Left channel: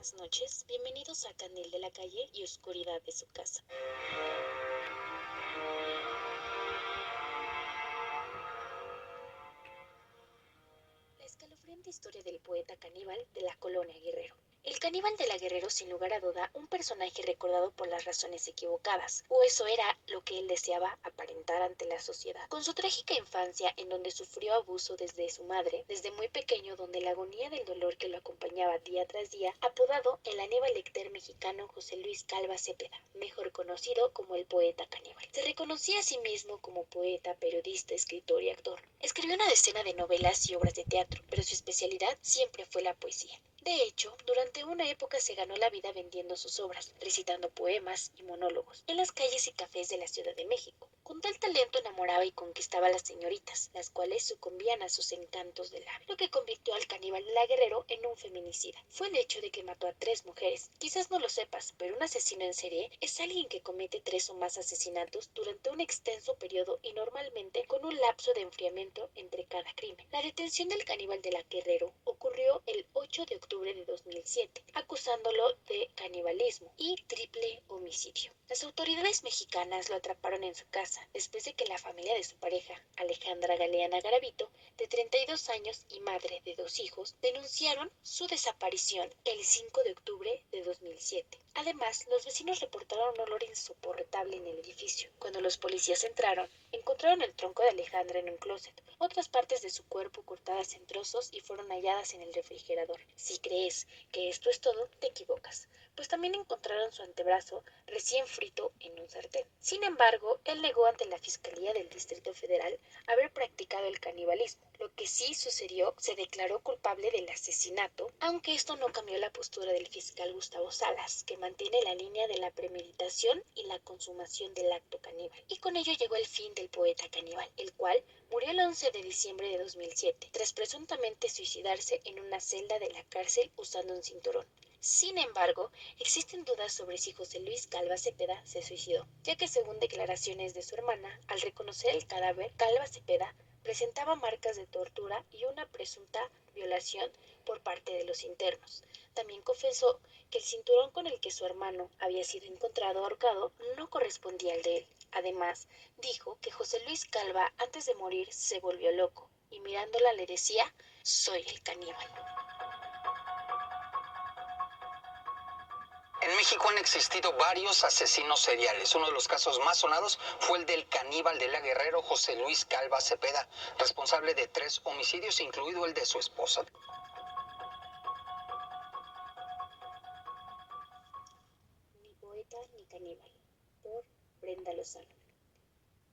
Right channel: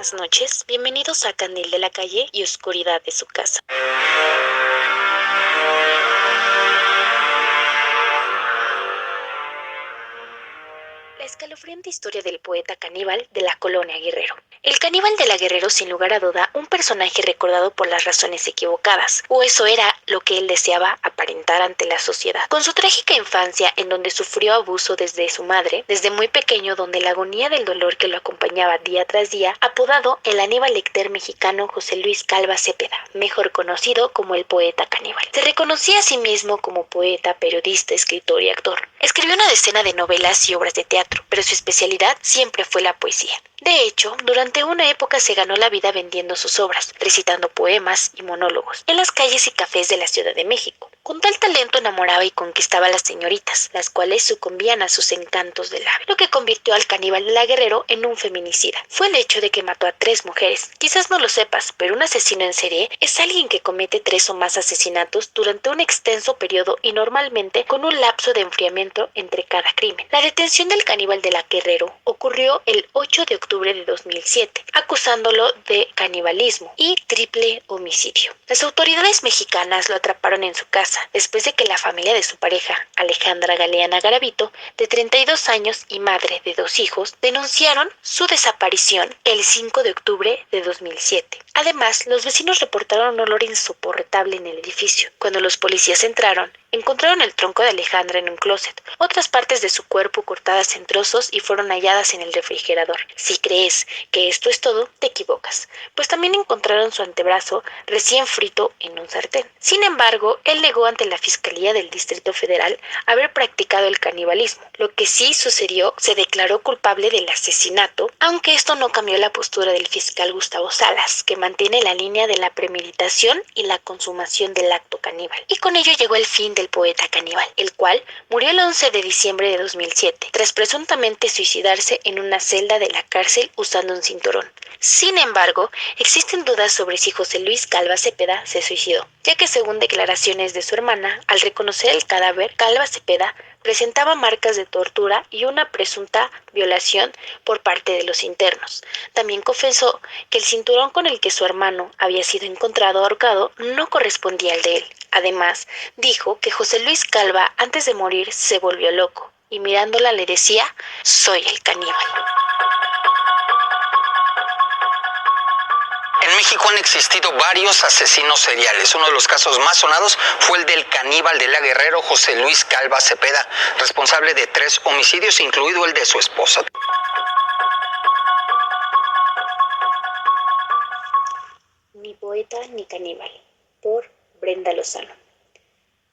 buenas noches. Bienvenidos a Candil de la Calle y Oscuridad de su Casa. La escalofriante historia del poeta caníbal de la colonia Guerrero. El caníbal de la Guerrero, sin lugar a duda, un personaje recordado por las razones equivocadas, o eso era lo que él deseaba aparentar ante la sociedad. Con su trágica infancia, en donde sufrió abuso desde su madre, desde muy pequeño, donde la agonía del dolor que lo acompañaba día tras día, apodado el Aníbal Lecter mexicano José Luis Calva Cepeda, mejor conocido como el poeta caníbal. Se reconocía a sí mismo como poeta, periodista, escritor y actor. Escribió una decena de novelas y obras de teatro, pero su especialidad siempre fue la poesía. De hecho, durante una época se ganó la vida vendiendo sus obras, recitando poemas y monólogos en las calles y cafés de la Ciudad de México. Con tal talento enamoraba y conquistaba a las señoritas, las cuales sucumbían a sus encantos de labio, lo que convirtió al caníbal de la Guerrero en un feminicida. Fue el hecho de que mató a 3 mujeres. Quizás no lo sepas, pero un asesino en serie es alguien que comete 3 o más asesinatos durante un extenso periodo y normalmente con un lapso de enfriamiento entre cada crimen. La detención del caníbal de la Guerrero ocurrió el 8 de octubre de 2007, acusándolo de canibalismo y triple homicidio. Las autoridades mexicanas lo atraparon en su casa después de que la familia de su pareja, Alejandra Galeana Garavito, de 32 años y madre de 2 hijos, denunciaron su desaparición el 5 de octubre de 2007. Además, los vecinos reportaron un olor insoportable en el edificio. Cuando los policías entraron, encontraron el tronco de Alejandra en un closet, otras partes de su cuerpo cortadas en trozos y fueron halladas en el refrigerador. Si crees que esto es todo, te equivocas, pues también encontraron su antebrazo recién frito en un sartén. Sin embargo, él negó ante la Fiscalía del Distrito Federal haber practicado el canibalismo. Lo que sí sucedió, se declaró culpable del asesinato, aunque esto no cambió la postura del fiscal Gustavo Salas, que mantiene la línea de la premeditación y la consumación del acto caníbal. Y con ello llegó el fin del poeta caníbal, el cual murió el 11 de diciembre de 2007, tras presuntamente suicidarse en una celda de la cárcel usando un cinturón. Sin embargo, existen dudas sobre si José Luis Calva Cepeda se suicidó, ya que según declaraciones de su hermana, al reconocer el cadáver, Calva Cepeda presentaba marcas de tortura y una presunta violación por parte de los internos. También confesó que el cinturón con el que su hermano había sido encontrado ahorcado no correspondía al de él. Además, dijo que José Luis Calva antes de morir se volvió loco y mirándola le decía: "Soy el caníbal". En México han existido varios asesinos seriales. Uno de los casos más sonados fue el del caníbal de la Guerrero, José Luis Calva Cepeda, responsable de 3 homicidios, incluido el de su esposa. Ni poeta ni caníbal, por Brenda Lozano.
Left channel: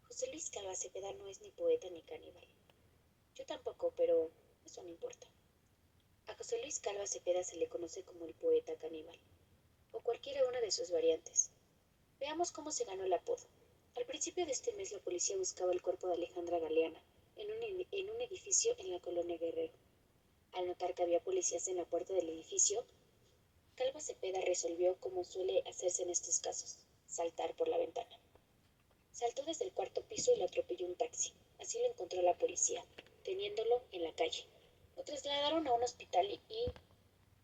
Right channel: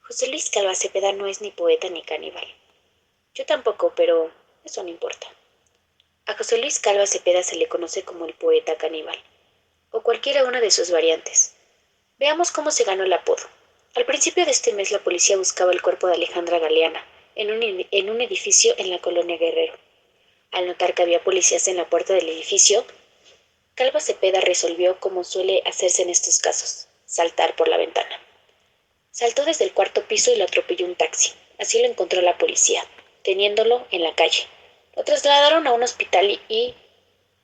José Luis Calva Cepeda no es ni poeta ni caníbal. Yo tampoco, pero eso no importa. A José Luis Calva Cepeda se le conoce como el poeta caníbal, o cualquiera una de sus variantes. Veamos cómo se ganó el apodo. Al principio de este mes la policía buscaba el cuerpo de Alejandra Galeana en un edificio en la colonia Guerrero. Al notar que había policías en la puerta del edificio, Calva Cepeda resolvió, como suele hacerse en estos casos, saltar por la ventana. Saltó desde el 4º piso y lo atropelló un taxi. Así lo encontró la policía, teniéndolo en la calle. Lo trasladaron a un hospital y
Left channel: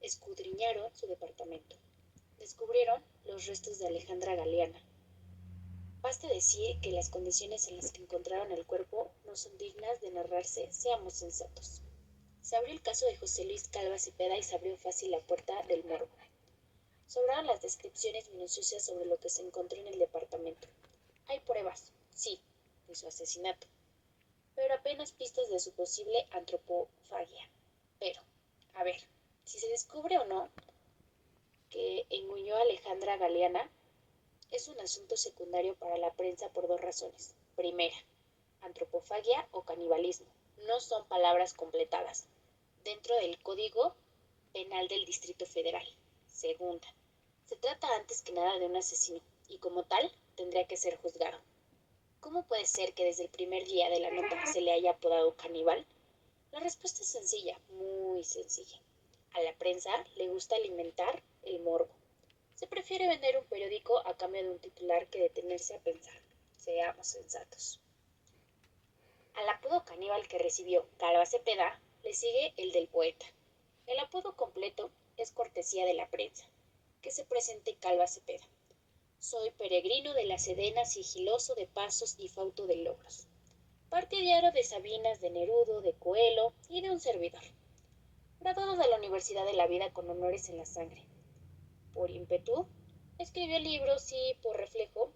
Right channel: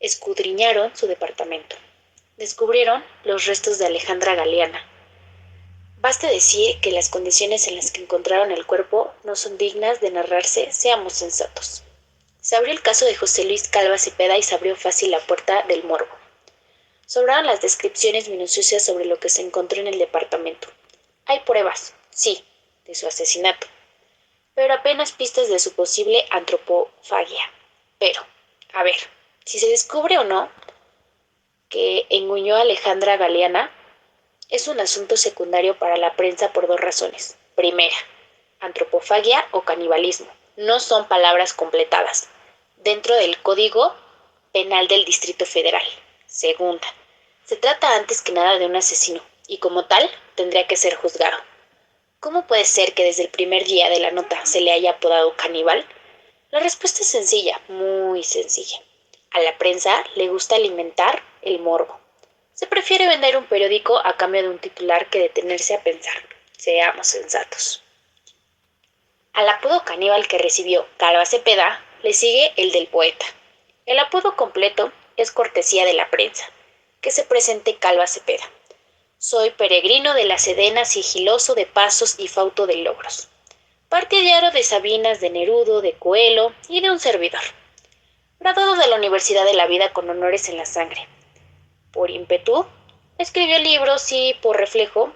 escudriñaron su departamento. Descubrieron los restos de Alejandra Galeana. Basta decir que las condiciones en las que encontraron el cuerpo no son dignas de narrarse, seamos sensatos. Se abrió el caso de José Luis Calva Cepeda y se abrió fácil la puerta del morbo. Sobraron las descripciones minuciosas sobre lo que se encontró en el departamento. Hay pruebas, sí, de su asesinato, pero apenas pistas de su posible antropofagia. Pero, a ver, si se descubre o no que enguñó a Alejandra Galeana, es un asunto secundario para la prensa por 2 razones. Primera, antropofagia o canibalismo no son palabras completadas dentro del Código Penal del Distrito Federal. Segunda, se trata antes que nada de un asesino y como tal tendría que ser juzgado. ¿Cómo puede ser que desde el primer día de la nota se le haya apodado caníbal? La respuesta es sencilla, muy sencilla. A la prensa le gusta alimentar el morbo. Se prefiere vender un periódico a cambio de un titular que detenerse a pensar. Seamos sensatos. Al apodo caníbal que recibió Calva Cepeda le sigue el del poeta. El apodo completo es cortesía de la prensa. Que se presente Calva Cepeda. Soy peregrino de la Sedena, sigiloso de pasos y fauto de logros. Partidario de Sabinas, de Nerudo, de Coelho y de un servidor. Graduado de la Universidad de la Vida con honores en la sangre. Por ímpetu, escribió libros y, por reflejo,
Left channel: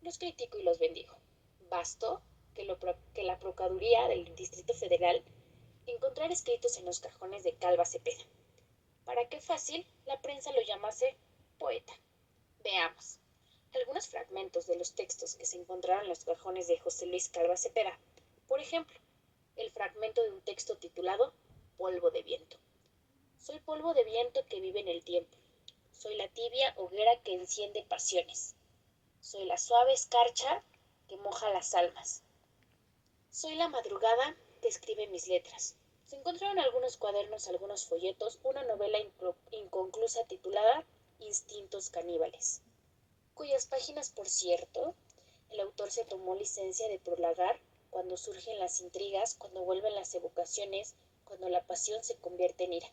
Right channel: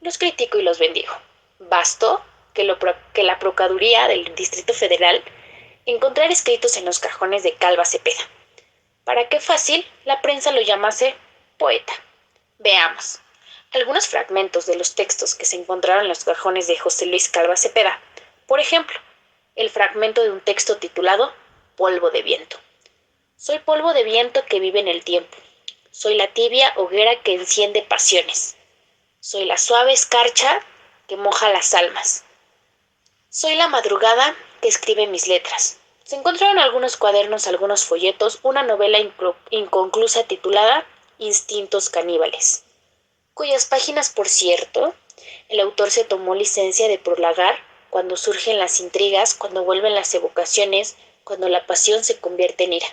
los critico y los bendigo. Bastó que la Procuraduría del Distrito Federal encontrara escritos en los cajones de Calva Cepeda, para que fácil la prensa lo llamase poeta. Veamos algunos fragmentos de los textos que se encontraron en los cajones de José Luis Calva Cepeda. Por ejemplo, el fragmento de un texto titulado Polvo de viento. Soy polvo de viento que vive en el tiempo. Soy la tibia hoguera que enciende pasiones. Soy la suave escarcha que moja las almas. Soy la madrugada que escribe mis letras. Se encontraron algunos cuadernos, algunos folletos, una novela inconclusa titulada Instintos caníbales, cuyas páginas, por cierto, el autor se tomó licencia de prolagar cuando surgen las intrigas, cuando vuelven las evocaciones, cuando la pasión se convierte en ira,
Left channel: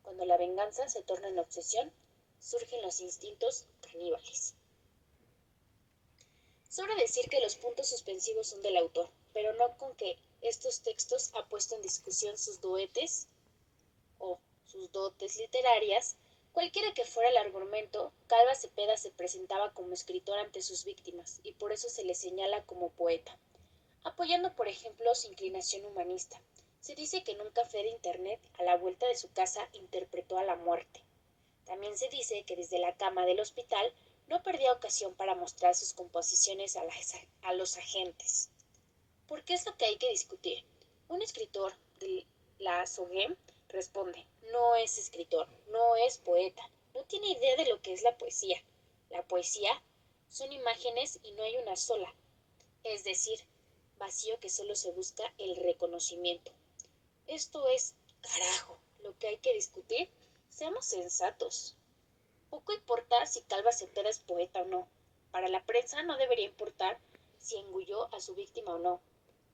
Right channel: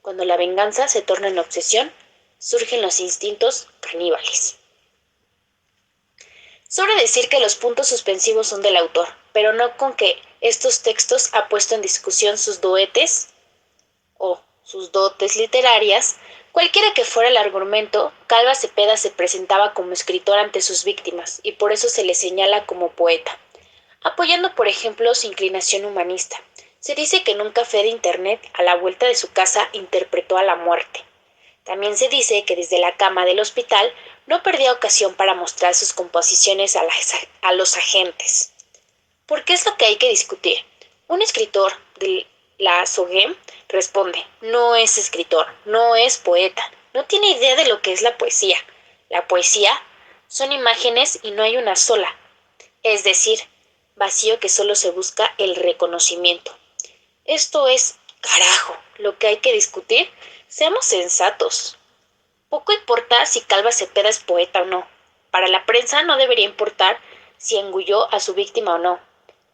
cuando la venganza se torna en obsesión, surgen los instintos caníbales. Sobra decir que los puntos suspensivos son del autor, pero no con que estos textos ha puesto en discusión sus dotes o sus dotes literarias. Cualquiera que fuera el argumento, Calva Cepeda se presentaba como escritor ante sus víctimas y por eso se le señala como poeta, apoyando por ejemplo su inclinación humanista. Se dice que en un café de internet a la vuelta de su casa interpretó a la muerte. También se dice que desde la cama del hospital no perdía ocasión para mostrar sus composiciones a los agentes. ¿Por qué es lo que hay que discutir? Un escritor de la SOGEM responde, no es escritor, no es poeta, no tiene idea de lo que es la poesía. La poesía son imágenes y no hay una sola, es decir, vacío que solo se busca el reconocimiento. Esto es, carajo, lo que hay que discutir. Seamos sensatos. Poco importa si Calva Cepeda es poeta o no. Para la prensa no debería importar si engulló a su víctima o no.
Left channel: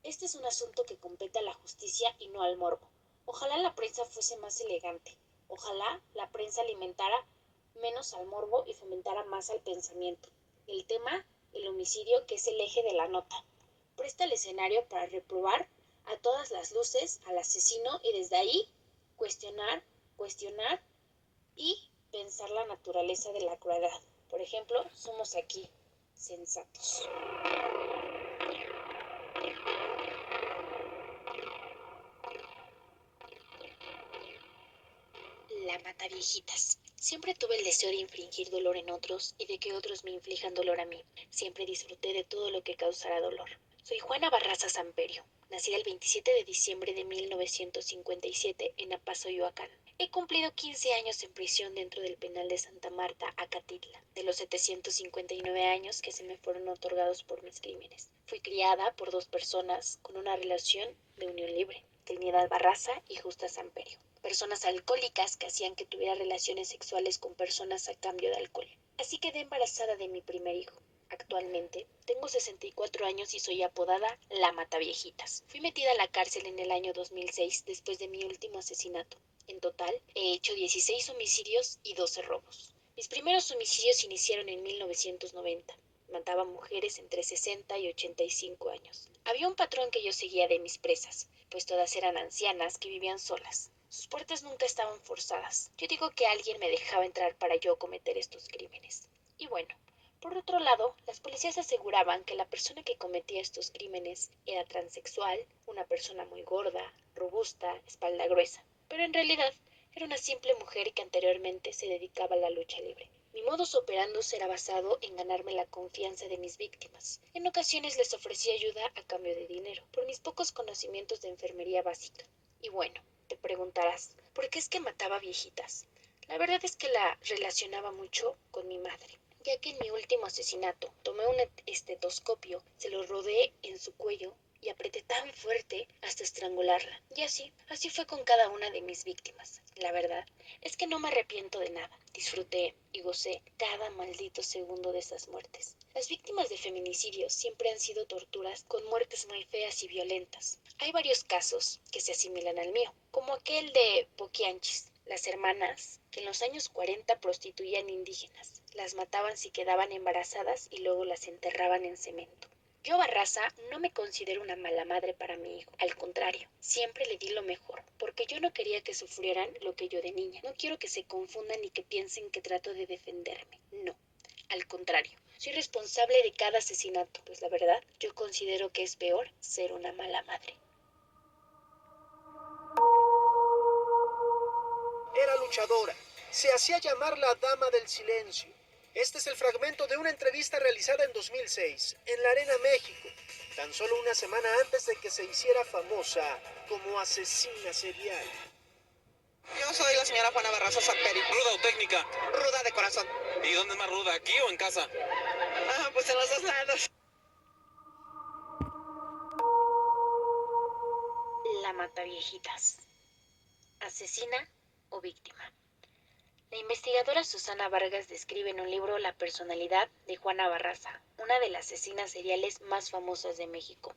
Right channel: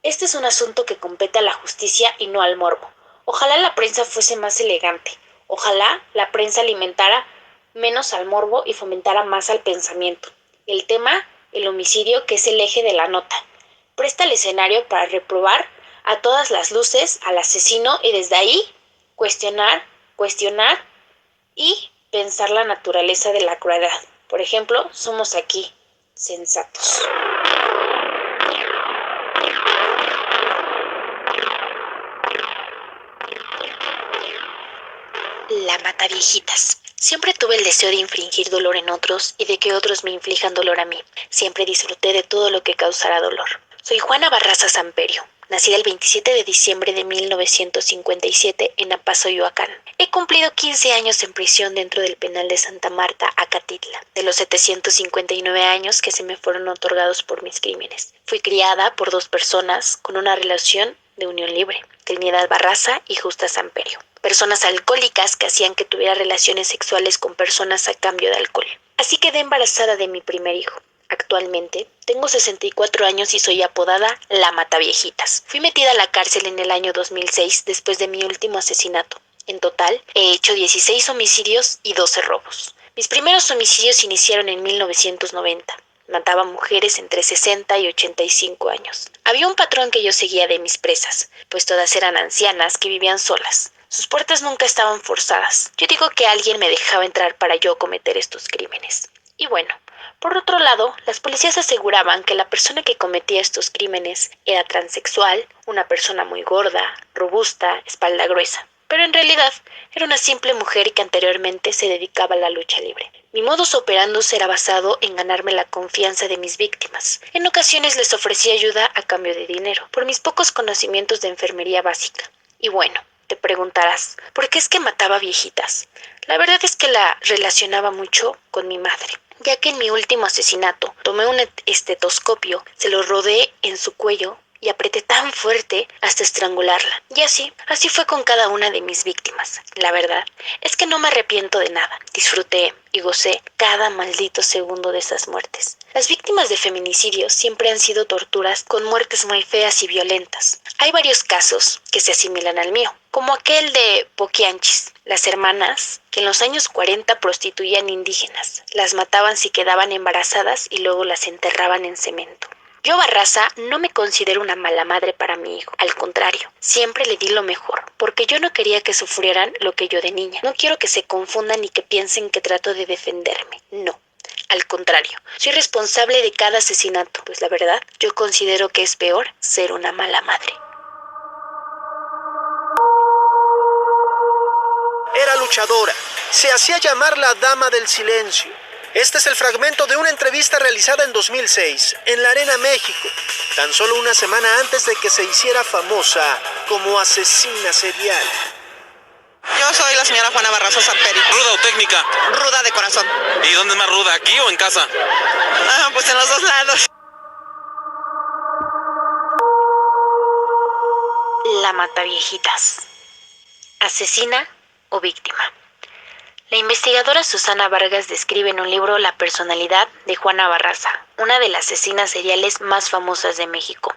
Este es un asunto que compete a la justicia y no al morbo. Ojalá la prensa fuese más elegante. Ojalá la prensa alimentara menos al morbo y fomentara más al pensamiento. El tema, el homicidio, que es el eje de la nota, presta el escenario para reprobar a todas las luces al asesino y desde ahí cuestionar y pensar la naturaleza de la crueldad. Por ejemplo, somos aquí sensatos. La Mataviejitas. Siempre tuve el deseo de infligir dolor en otros y de que otros me inflijan dolor a mí. Siempre disfruté de todo lo que causara dolor. Soy Juana Barraza Samperio, nacida el 27 de diciembre de 1957 en Apazoyoacán. He cumplido 15 años en prisión dentro del penal de Santa Marta, Acatitla, de los 759 años que se me fueron otorgados por mis crímenes. Fui criada por dos personas con una relación de unión libre, Trinidad Barraza y Justa Samperio. Personas alcohólicas que hacían que tuviera relaciones sexuales con personas a cambio de alcohol. Así quedé embarazada de mi primer hijo. Actualmente tengo 64 años y soy apodada La Mataviejitas. Fui metida a la cárcel en el año 2006 después de mi último asesinato. En total, he hecho 16 homicidios y 12 robos. Mis primeros homicidios iniciaron en 1990. Mataba mujeres entre 60 y 85 años. Había un patrón que yo seguía de mis presas, pues todas eran ancianas que vivían solas. Sus puertas nunca estaban forzadas. Yo digo que alguien me dejaba entrar para yo cometer estos crímenes. Y bueno, por otro lado, las policías aseguraban que la persona que cometía estos crímenes era transexual, una persona muy gorda, robusta, espalda gruesa. Pero en realidad era una simple mujer que anteriormente se dedicaba a la lucha libre. Mi modus operandus era basado en ganarme la confianza de mis víctimas. En ocasiones les ofrecía ayuda a cambio de dinero, por mis pocos conocimientos de enfermería básica. Y bueno, te preguntarás, ¿por qué es que mataba viejitas? La verdad es que la relacionaba mucho con mi madre, ya que en mi último asesinato tomé un estetoscopio, se lo rodé en su cuello y apreté tan fuerte hasta estrangularla. Y así fue con cada una de mis víctimas. La verdad es que no me arrepiento de nada. Disfruté y gocé cada maldito segundo de esas muertes. Las víctimas de feminicidio siempre han sido torturas con muertes muy feas y violentas. Hay varios casos que se asimilan al mío, como aquel de Poquianchis, las hermanas que en los años 40 prostituían indígenas, las mataban si quedaban embarazadas y luego las enterraban en cemento. Yo, Barraza, no me considero una mala madre para mi hijo. Al contrario, siempre le di lo mejor, porque yo no quería que sufrieran lo que yo de niña. No quiero que se confundan ni que piensen que trato de defenderme. No. Al contrario, soy responsable de cada asesinato, pues la verdad, yo considero que es peor ser una mala madre. Era luchadora. Se hacía llamar la Dama del Silencio. Este es el fragmento de una entrevista realizada en 2006 en la Arena México, tan solo una semana antes de que se hiciera famosa como asesina serial. Yo soy la señora Juana Barraza Sanperi. ¿Ruda o técnica? Ruda de corazón. ¿Y dónde es más ruda, aquí o en casa? Pues en los dos lados. La Mataviejitas. ¿Asesina o víctima? La investigadora Susana Vargas describe en un libro la personalidad de Juana Barraza, una de las asesinas seriales más famosas de México,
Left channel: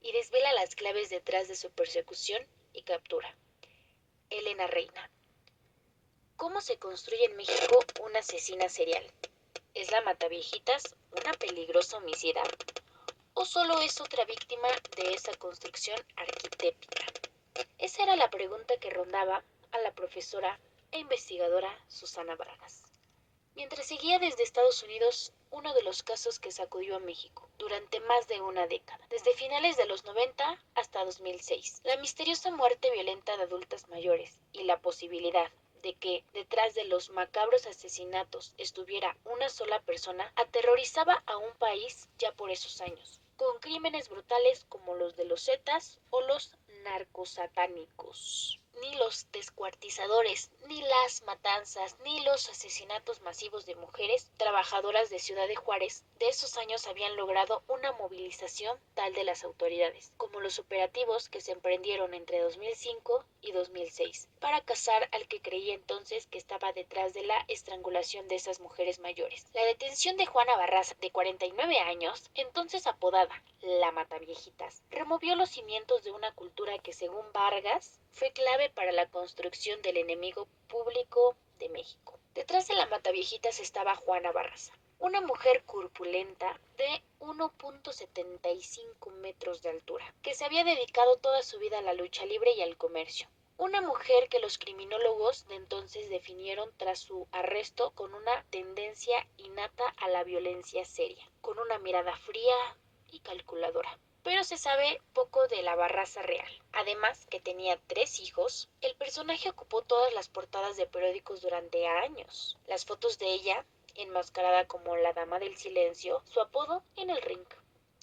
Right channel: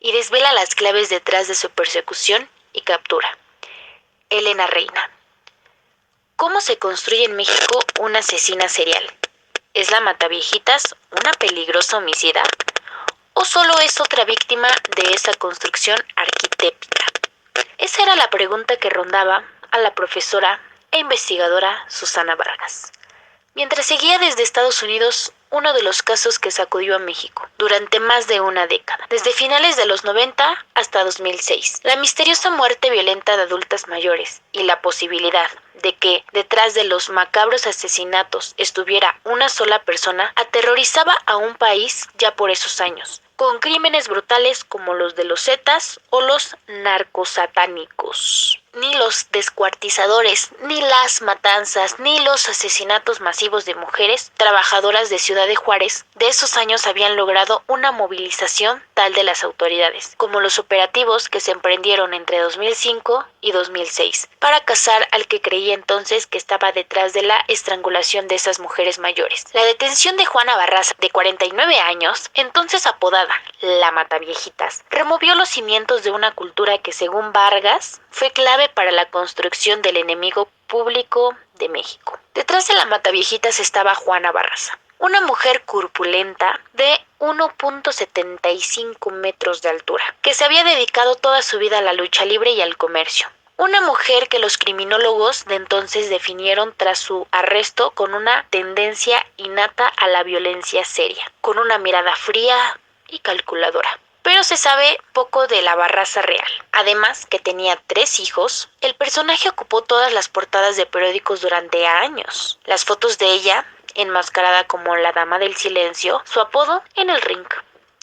y desvela las claves detrás de su persecución y captura. Elena Reina. ¿Cómo se construye en México una asesina serial? ¿Es la Mataviejitas una peligrosa homicida? ¿O solo es otra víctima de esa construcción arquetípica? Esa era la pregunta que rondaba a la profesora e investigadora Susana Vargas, mientras seguía desde Estados Unidos uno de los casos que sacudió a México durante más de una década, desde finales de los 90 hasta 2006. La misteriosa muerte violenta de adultas mayores y la posibilidad de que detrás de los macabros asesinatos estuviera una sola persona aterrorizaba a un país ya por esos años, con crímenes brutales como los de los Zetas o los narcosatánicos. Ni los descuartizadores, ni las matanzas, ni los asesinatos masivos de mujeres trabajadoras de Ciudad de Juárez de esos años habían logrado una movilización tal de las autoridades, como los operativos que se emprendieron entre 2005 y 2006 para cazar al que creía entonces que estaba detrás de la estrangulación de esas mujeres mayores. La detención de Juana Barraza, de 49 años, entonces apodada la Mataviejitas, removió los cimientos de una cultura que, según Vargas, fue clave para la construcción del enemigo público de México. Detrás de la Mataviejitas estaba Juana Barraza, una mujer corpulenta de 1.75 metros de altura, que se había dedicado toda su vida a la lucha libre y al comercio. Una mujer que los criminólogos de entonces definieron tras su arresto con una tendencia innata a la violencia seria, con una mirada fría y calculadora. Pero se sabe poco de la Barraza real. Además que tenía 3 hijos, el personaje ocupó todas las portadas de periódicos durante años. Las fotos de ella, enmascarada como la Dama del Silencio, su apodo en el ring,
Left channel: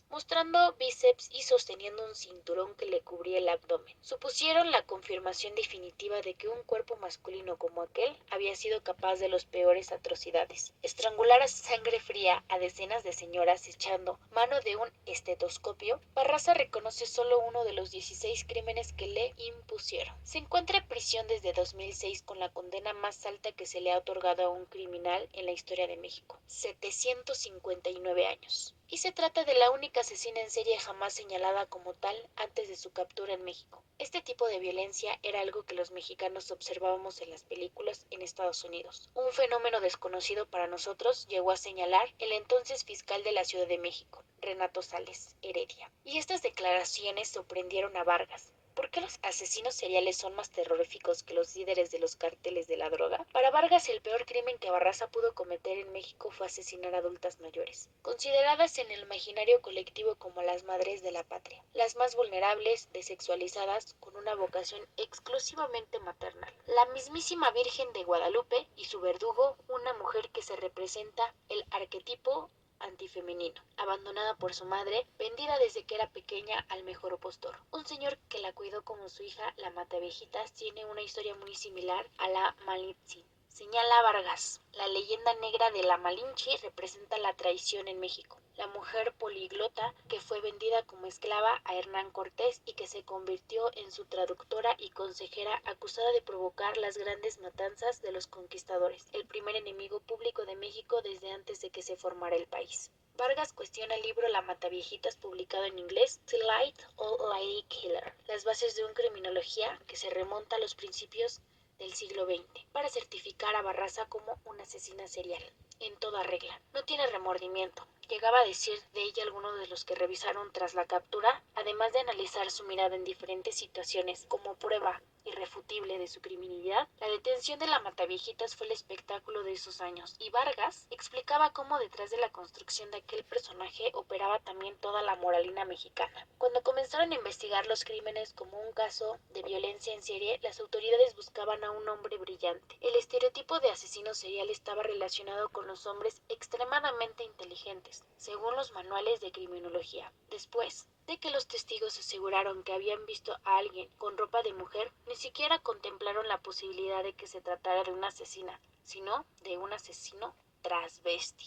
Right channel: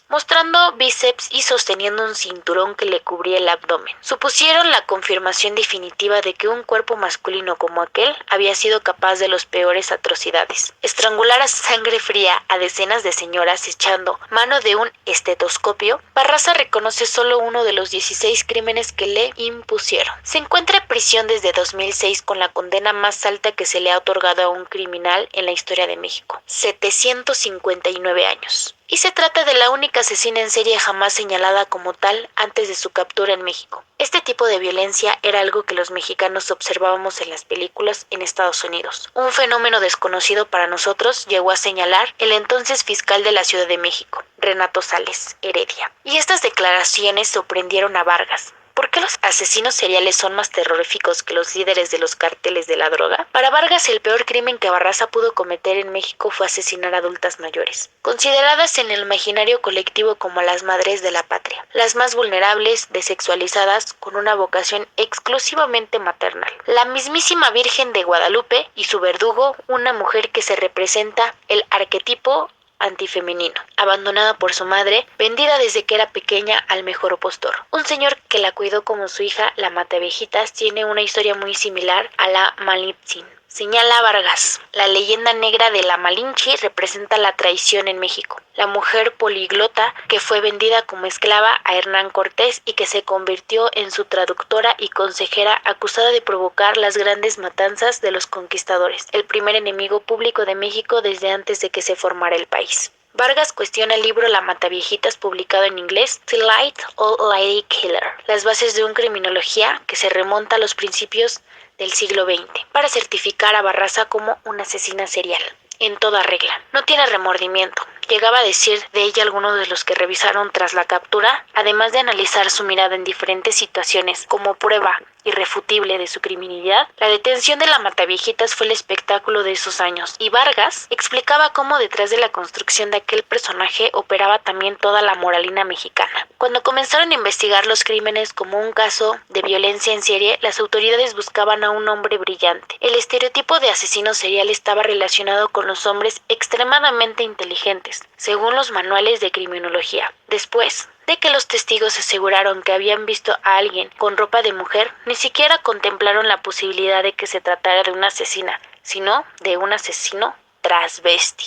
mostrando bíceps y sosteniendo un cinturón que le cubría el abdomen, supusieron la confirmación definitiva de que un cuerpo masculino como aquel había sido capaz de las peores atrocidades. Estrangular a sangre fría a decenas de señoras echando mano de un estetoscopio, Barraza reconoce solo uno de los 16 crímenes que le impusieron. Se encuentra en prisión desde 2006 con la condena más alta que se le ha otorgado a un criminal en la historia de México, 759 años. Y se trata de la única asesina en serie jamás señalada como tal antes de su captura en México. Este tipo de violencia era algo que los mexicanos observábamos en las películas en Estados Unidos. Un fenómeno desconocido para nosotros llegó a señalar el entonces fiscal de la Ciudad de México, Renato Sales Heredia. Y estas declaraciones sorprendieron a Vargas. ¿Por qué los asesinos seriales son más terroríficos que los líderes de los cárteles de la droga? Para Vargas, el peor crimen que Barraza pudo cometer en México fue asesinar a adultas mayores, consideradas en el imaginario colectivo como las madres de la patria, las más vulnerables, desexualizadas, con una vocación exclusivamente maternal. La mismísima Virgen de Guadalupe y su verdugo, una mujer que se representa el arquetipo antifemenino, abandonada por su madre, vendida desde que era pequeña al mejor postor. Un señor que la cuidó como su hija, la Mataviejitas, tiene una historia muy similar a la Malintzin. Señala Vargas, la leyenda negra de la Malinche representa la traición en México. La mujer poliglota que fue vendida como esclava a Hernán Cortés y que se convirtió en su traductora y consejera, acusada de provocar las grandes matanzas de los conquistadores, el primer enemigo público de México desde antes de que se formara el país. Vargas cuestiona el libro La Mataviejitas, publicado en inglés, The Light Old Lady Killer, las bases de una criminología que se remonta a los principios del siglo XX, para certificar a Barraza como una asesina serial. En toda regla. No tiene remordimiento. Llegaba a decir de ella algunos de los que revisaron tras la captura, además de analizar su mirada en diferentes situaciones como prueba irrefutible de su criminalidad. La detención de la Mataviejitas fue el espectáculo de esos años, y Vargas explicaba cómo detrás de la construcción de aquel personaje operaba también toda la moralina mexicana. Cuando comenzaron a investigar los crímenes como un caso de violencia en serie, las autoridades buscaban a un hombre brillante. El estereotipo de asesino serial estaba relacionado con los hombres extremadamente inteligentes, según los manuales de criminología. Después de que los testigos aseguraron que habían visto a alguien con ropa de mujer, ni siquiera contemplaron la posibilidad de que se tratara de una asesina, sino de un asesino transvesti.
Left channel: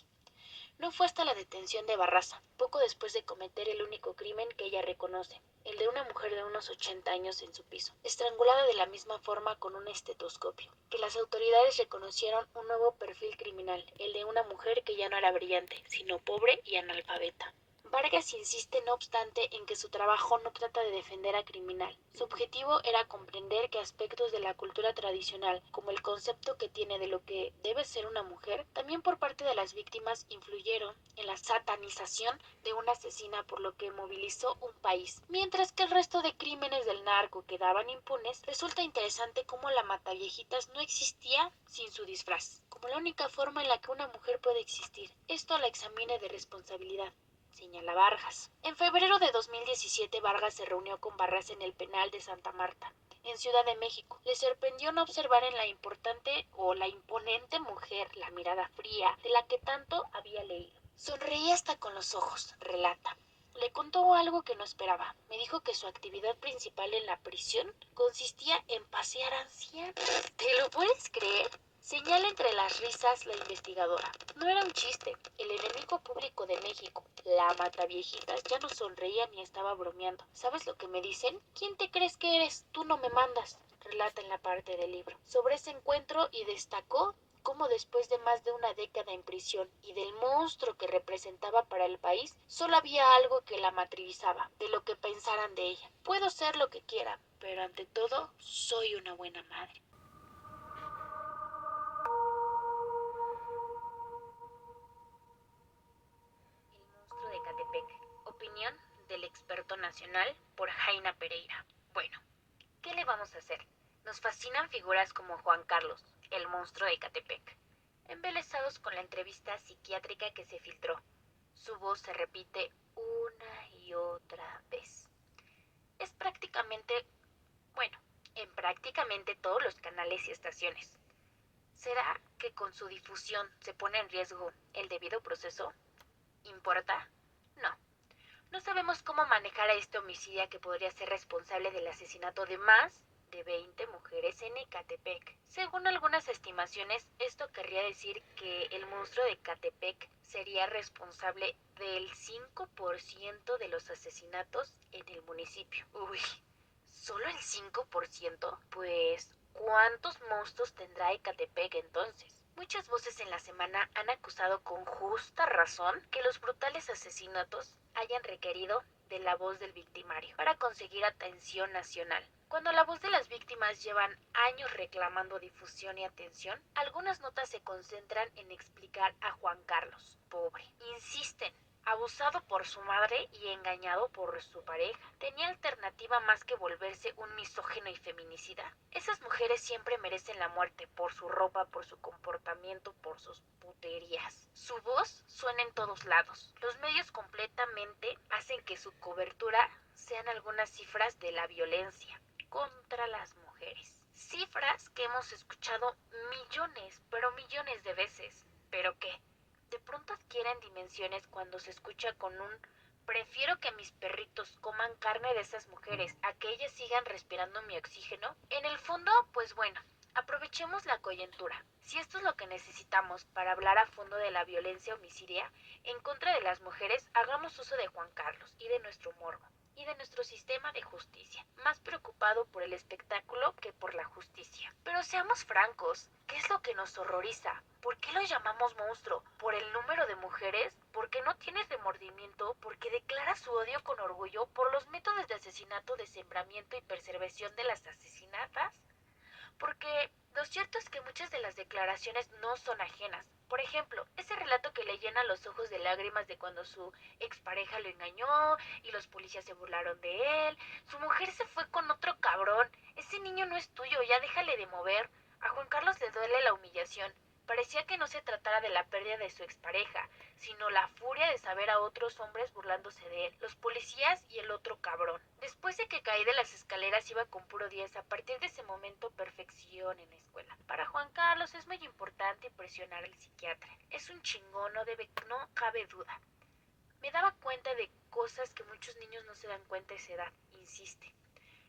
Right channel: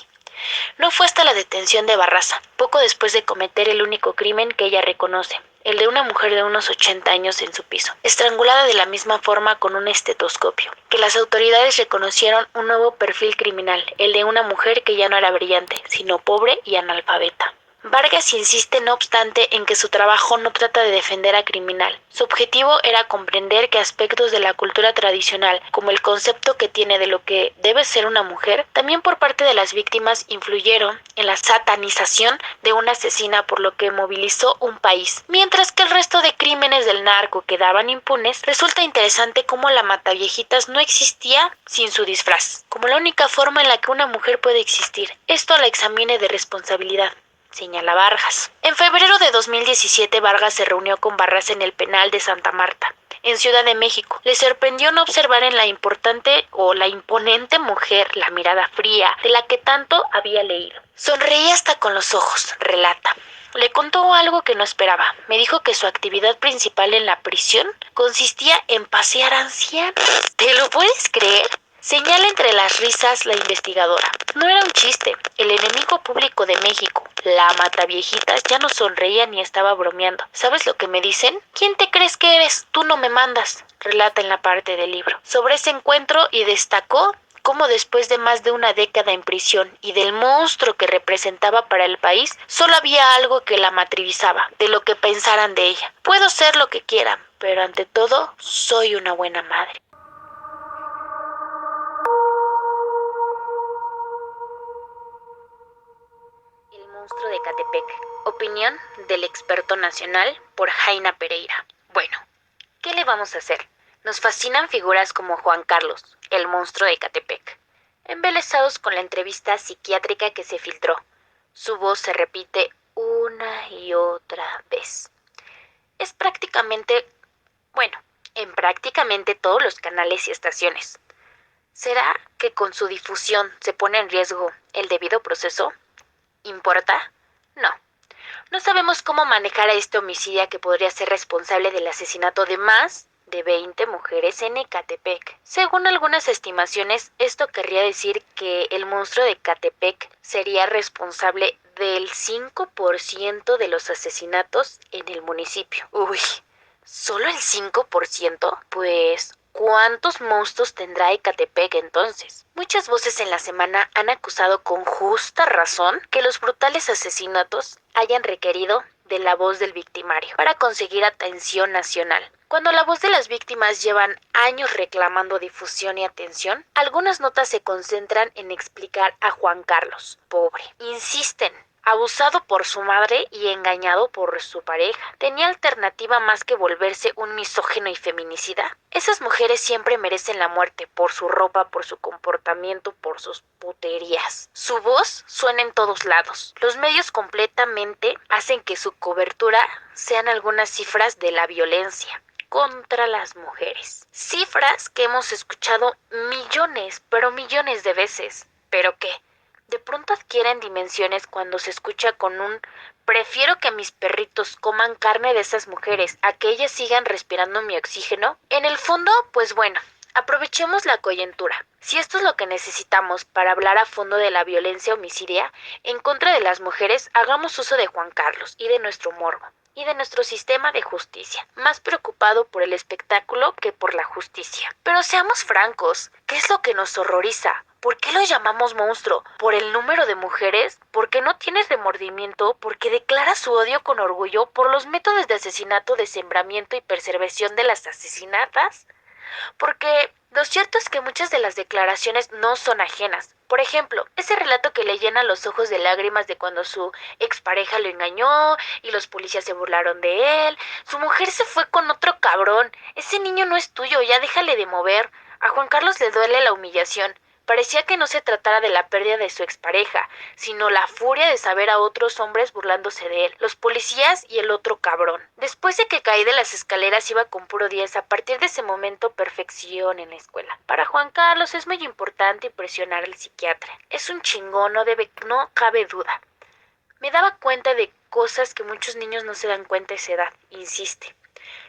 No fue hasta la detención de Barraza, poco después de cometer el único crimen que ella reconoce, el de una mujer de unos 80 años en su piso, estrangulada de la misma forma con un estetoscopio, que las autoridades reconocieron un nuevo perfil criminal, el de una mujer que ya no era brillante, sino pobre y analfabeta. Vargas insiste, no obstante, en que su trabajo no trata de defender a criminal. Su objetivo era comprender que aspectos de la cultura tradicional, como el concepto que tiene de lo que debe ser una mujer, también por parte de las víctimas influyeron en la satanización de una asesina, por lo que movilizó un país. Mientras que el resto de crímenes del narco quedaban impunes, resulta interesante cómo la Mataviejitas no existía sin su disfraz, como la única forma en la que una mujer puede existir. Esto la examine de responsabilidad, señala Vargas. En febrero de 2017, Vargas se reunió con Barraza en el penal de Santa Marta, en Ciudad de México. Le sorprendió no observar en la imponente mujer la mirada fría de la que tanto había leído. Sonreía hasta con los ojos, relata. Le contó algo que no esperaba. Me dijo que su actividad principal en la prisión consistía en pasear ancianos. ¿Te lo puedes creer? Señala entre las risas la investigadora. No era un chiste. El enemigo público de México, la Mataviejitas, ya no sonreía ni estaba bromeando. ¿Sabes lo que me dicen? ¿Quién te crees que eres? Tú no me mandas, relata en la parte del libro. Sobre ese encuentro, y destacó cómo después de más de una década en prisión y del monstruo que representaba para el país, solo había algo que la matrivizaba, de lo que pensaran de ella. Puedo ser lo que quieran, pero ante todo, soy una buena madre. El monstruo de Ecatepec. Opinión del experto nacional por Jaina Pereira. Bueno, ¿qué le vamos a hacer? Nos fascinan figuras como Juan Carlos, el monstruo de Ecatepec. Embelesados con la entrevista psiquiátrica que se filtró. Su voz se repite una y otra vez. Es en prácticamente todos los canales y estaciones. ¿Será que con su difusión se pone en riesgo el debido proceso? ¿Importa? No. No sabemos cómo manejar a este homicida que podría ser responsable del asesinato de más de 20 mujeres en Ecatepec. Según algunas estimaciones, esto querría decir que el monstruo de Ecatepec sería responsable del 5% de los asesinatos en el municipio. Uy, ¿solo el 5%? Pues ¿cuántos monstruos tendrá Ecatepec entonces? Muchas voces en la semana han acusado con justa razón que los brutales asesinatos hayan requerido de la voz del victimario para conseguir atención nacional. Cuando la voz de las víctimas llevan años reclamando difusión y atención, algunas notas se concentran en explicar a Juan Carlos, pobre. Insisten, abusado por su madre y engañado por su pareja. ¿Tenía alternativa más que volverse un misógino y feminicida? Esas mujeres siempre merecen la muerte por su ropa, por su comportamiento, por sus puterías. Su voz suena en todos lados. Los medios completamente hacen que su cobertura sean algunas cifras de la violencia contra las mujeres. Cifras que hemos escuchado millones, pero millones de veces. ¿Pero qué? De pronto adquieren dimensiones cuando se escucha con un prefiero que mis perritos coman carne de esas mujeres a que ellas sigan respirando mi oxígeno. En el fondo, pues bueno, Aprovechemos la coyuntura. Si esto es lo que necesitamos para hablar a fondo de la violencia homicidia en contra de las mujeres, hagamos uso de Juan Carlos y de nuestro morbo y de nuestro sistema de justicia, más preocupado por el espectáculo que por la justicia. Pero seamos francos, ¿qué es lo que nos horroriza? ¿Por qué lo llamamos monstruo? ¿Por el número de mujeres? ¿Porque no tiene remordimiento? ¿Porque declara su odio con orgullo por los métodos de asesinato, desmembramiento y preservación de las asesinadas? Porque lo cierto es que muchas de las declaraciones no son ajenas. Por ejemplo, ese relato que le llena los ojos de lágrimas de cuando su expareja lo engañó y los policías se burlaron de él. Su mujer se fue con otro cabrón. Ese niño no es tuyo, ya déjale de mover. A Juan Carlos le duele la humillación. Parecía que no se tratara de la pérdida de su expareja, sino la furia de saber a otros hombres burlándose de él, los policías y el otro cabrón. Después de que caí de las escaleras iba con puro 10, a partir de ese momento perfección en la escuela. Para Juan Carlos es muy importante impresionar al psiquiatra. Es un chingón, no cabe duda. Me daba cuenta de cosas que muchos niños no se dan cuenta a esa edad, insiste.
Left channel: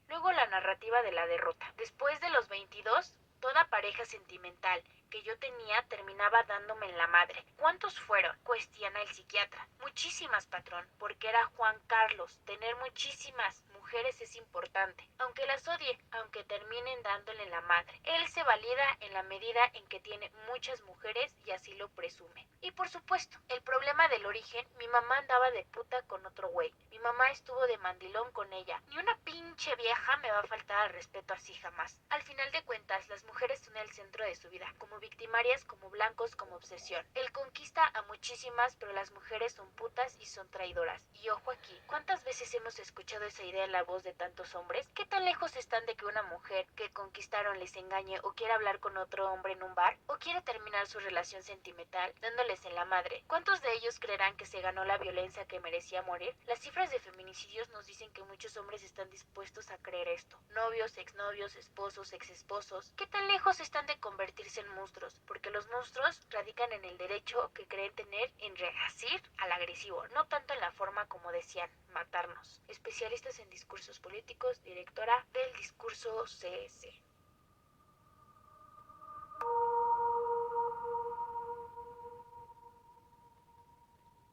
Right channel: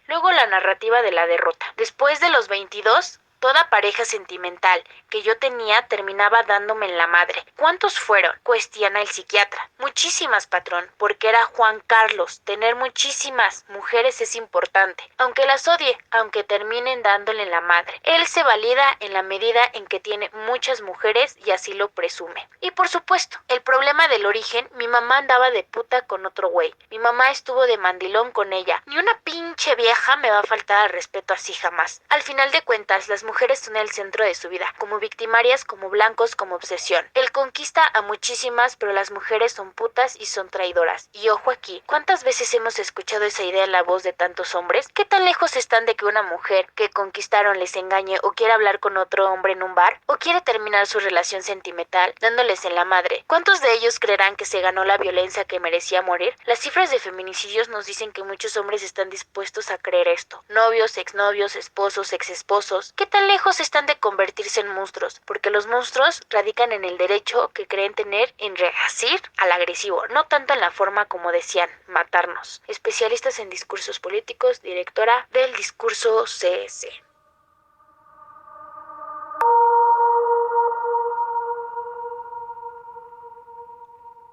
Luego la narrativa de la derrota. Después de los 22, toda pareja sentimental que yo tenía terminaba dándome en la madre. ¿Cuántos fueron? Cuestiona el psiquiatra. Muchísimas, patrón, porque era Juan Carlos. Tener muchísimas mujeres es importante. Aunque las odie, aunque terminen dándole en la madre. Él se valida en la medida en que tiene muchas mujeres y así lo presume. Y por supuesto, el problema del origen, mi mamá andaba de puta con otro güey. Mi mamá estuvo de mandilón con ella. Ni una pinche vieja me va a faltar al respeto así jamás. Al final de cuentas, las mujeres son el centro de su vida, como victimarias, como blancos, como obsesión. Él conquista a muchísimas, pero las mujeres son putas y son traidoras. Y ojo aquí, ¿cuántas veces hemos escuchado esa idea en la voz de tantos hombres? ¿Qué tan lejos están de que una mujer que conquistaron les engañe o quiera hablar con otro hombre en un bar? ¿O quiere terminar su relación sentimental dándoles en la madre? ¿Cuántos de ellos creerán que se ganó la violencia que merecía morir? Las cifras de feminicidios nos dicen que muchos hombres están dispuestos a creer esto. Novios, exnovios, esposos, exesposos. ¿Qué tan lejos están de convertirse en monstruos? Porque los monstruos radican en el derecho que creen tener en reacir al agresivo, no tanto en la forma como decían, matarnos. Especialistas en discursos políticos, directora del discurso CS.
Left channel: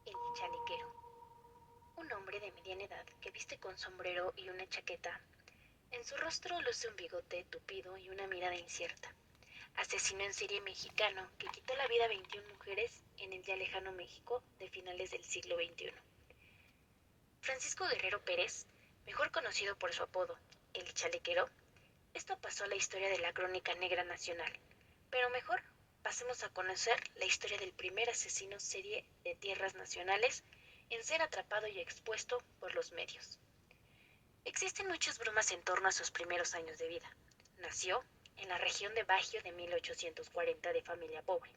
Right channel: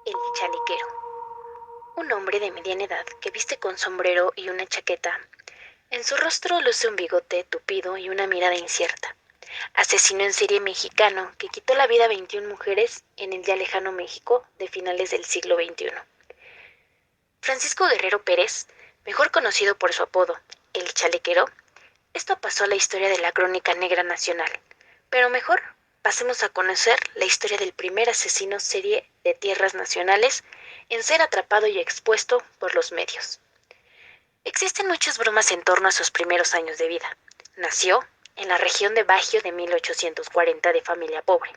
El chalequero. Un hombre de mediana edad que viste con sombrero y una chaqueta. En su rostro luce un bigote tupido y una mirada incierta. Asesino en serie mexicano que quitó la vida a 21 mujeres en el ya lejano México de finales del siglo XXI. Francisco Guerrero Pérez, mejor conocido por su apodo, el Chalequero, esto pasó a la historia de la crónica negra nacional. Pero mejor, pasemos a conocer la historia del primer asesino serie de tierras nacionales en ser atrapado y expuesto por los medios. Existen muchas bromas en torno a sus primeros años de vida. Nació en la región de Bajío de 1840 de familia pobre.